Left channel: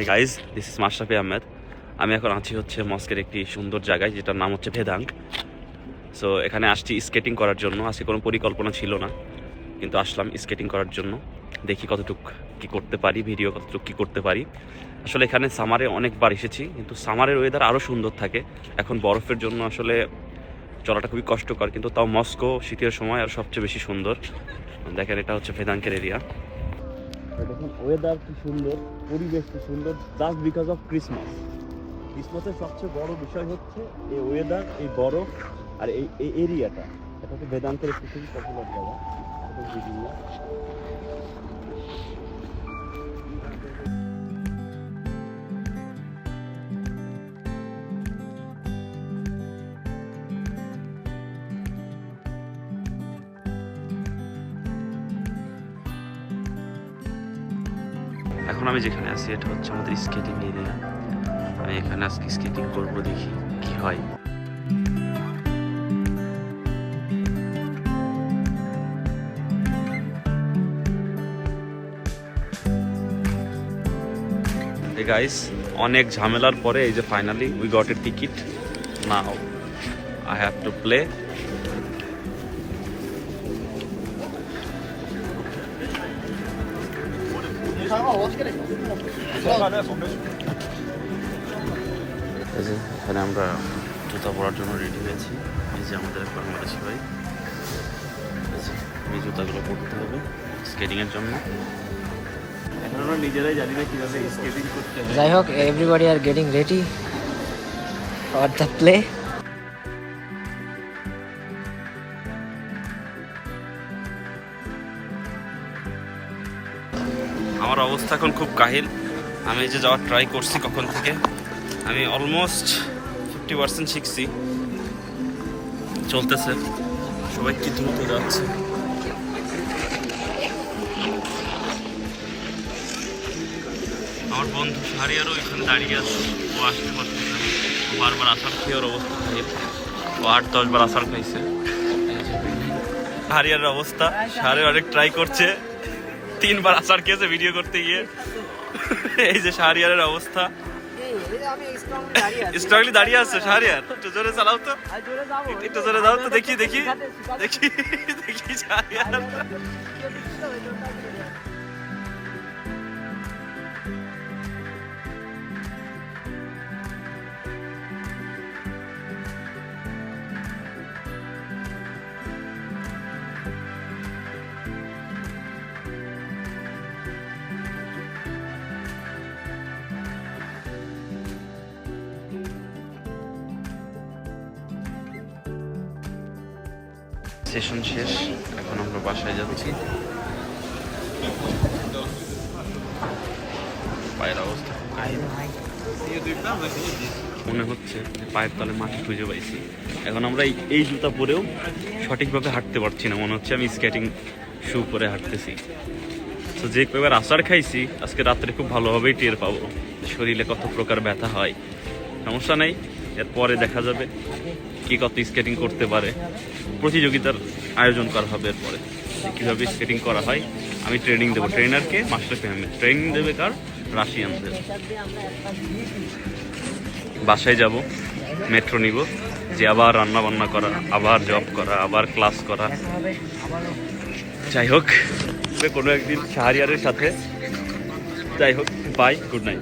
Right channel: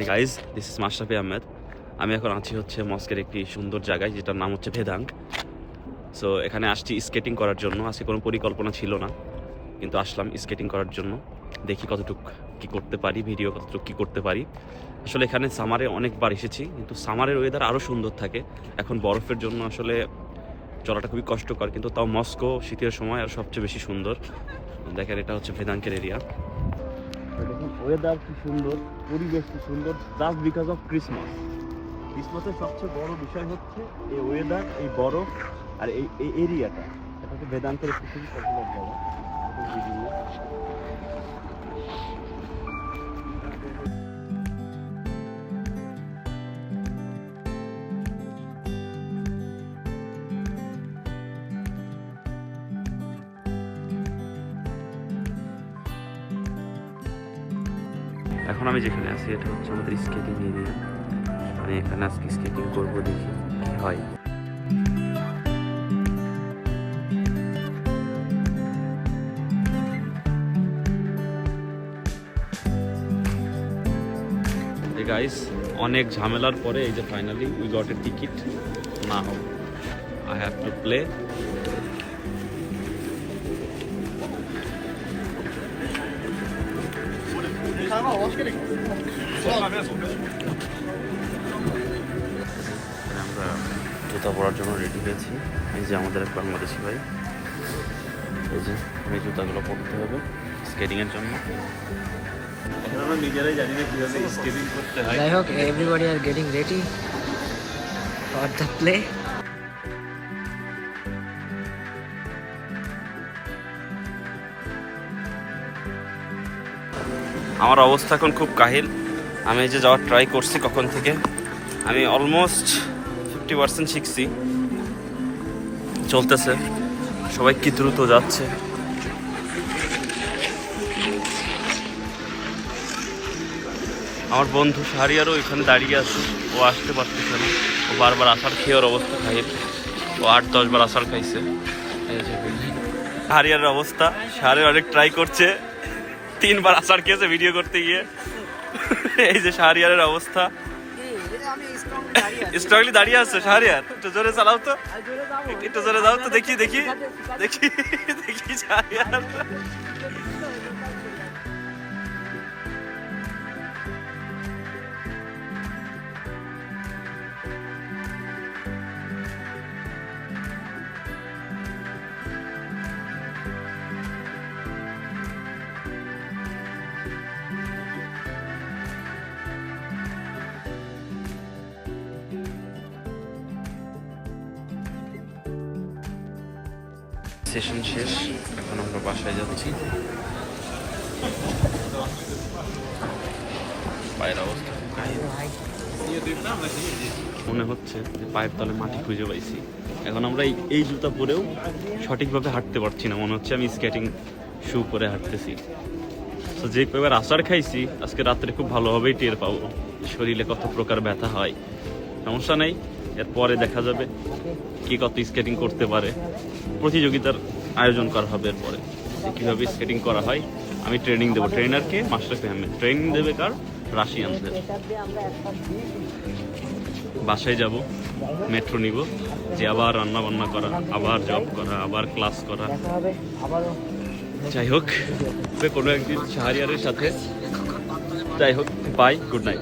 Hey guys, this is Mashrafe Ahmed. আমি এখন আছি হচ্ছে মস্কের একটি সুন্দর জায়গায়, যেটার নাম হচ্ছে ভেদাঙ্ক। সো এখানে আসছি স্কেটিং করার জন্য। আজকে কোনো পরিকল্পনা ছিল না, কিন্তু আসলাম স্কেটিং করার জন্য। দেখি কতটুকু কী করতে পারি, ভিডিও কতটুকু কী করতে পারি। আসলে এখানে সামারে অনেকবার এসেছি, কিন্তু সামারের ওয়েদার আরও সুন্দর থাকে। এখন বরফের জন্য আসলে চলাটা খুবই কষ্টকর, কিন্তু তাও মস্কো শীতের সময় আর সবচেয়ে বেশি সুন্দর। দেখেন, এটা হচ্ছে ভেদাঙ্কের এরিয়া। দেখুন ওয়েদার কি সুন্দর, পরিবেশ কি সুন্দর, জাস্ট বিকজ অফ ক্রিসমাস। ক্রিসমাসের সবচেয়ে বড় বিষয় হচ্ছে এই ওয়েদার, এই বরফ আর এই এরিয়াটা। এটা হচ্ছে ভেদাঙ্কের একটি খুবই পপুলার জায়গা। এখন আমি যেখানে আছি এটা হচ্ছে আমাদের স্কেটিং এরিয়া। আমি এখানে আজকে স্কেটিং করব, দেখি কি হয়। এই গাইস, অনেক ঝামেলার পরে এই যে finally we got a ticket. Now I have to play. এখানে আমরা জুতা পরার জন্য রেডি হয়েছি। এই যে আমাদের এক বাংলাদেশি ভাই, এই যে আমি জুতাগুলো পরতে হবে স্কেটিংয়ের জন্য। এখন আমরা নিজেরাই জানি না কীভাবে স্কেটিং করতে হয়। যাই হোক, everybody are getting ready for the play. আমার অবস্থা এখন খুব কাহিল। আমি এই যে যাওয়ার ট্রাই করছি কখন থেকে, আমি অলমোস্ট 50% শিখছি। চলতেছে, সবাই কি দ্রুত যাচ্ছে। আমার বন্ধু শাহরিয়ারও এখানে দাঁড়িয়ে আছে, ও আসতে পারতেছে না। ও বারবার আসার খেয়ে ওর অবস্থা খাইল। ও 8-10 বার আসার খাইছে। শাহরিয়ারের অবস্থা, শাহরিয়ার অনেক ট্রাই করছে, 3 বার আসার খেয়েছে ভিডিও করতে গিয়ে। এই যে শাহরিয়ারের অবস্থা, স্ট্রংলি দাঁড়িয়ে আছে শাহরিয়ার। একটু জোরে চালাও তো, একটু জোরে যাও তো, দেখি দেখি দেখি দেখি শাহরিয়ার। সেশন শেষ, এখন আমরা বাসায় যাচ্ছি। পায়ের অবস্থা মনে হচ্ছে যে পায়ের তলে মাটি খুঁজে পাইছি। এখন আমরা এই জুতা পরেও সঠিকভাবে হাঁটতে পারছি না, মনে হচ্ছে আমি স্কেটিং শু পরে হাঁটতেছি। তো যে কয়েকবার আসার খাইছি, আজকে রাত্রে খুব ভালোভাবেই টের পাবো শরীরে কত প্রকার ব্যথা হয়। সমস্যা নেই, এরপরে দেখা যাবে কি কত স্কেটিং করতে পারে। প্রতিযোগিতার আয়োজন করা হবে এরপরে, কীভাবে স্কেটিং করা হয়। আমি ট্রেনিং দেবো, ট্রেনারকে মাশরাফি আহমেদ। ট্রেনিং দেবে কার? রাশিয়ানদের। বাসায় যাব, মেট্রো নিব, যে আবার রান্না বান্না করা, আবার জব করা, আবার ক্লাস করা। যাই হোক, কোনো একদিন শাহরিয়ারের সাথে। যাই হোক, বাই, গুড নাইট।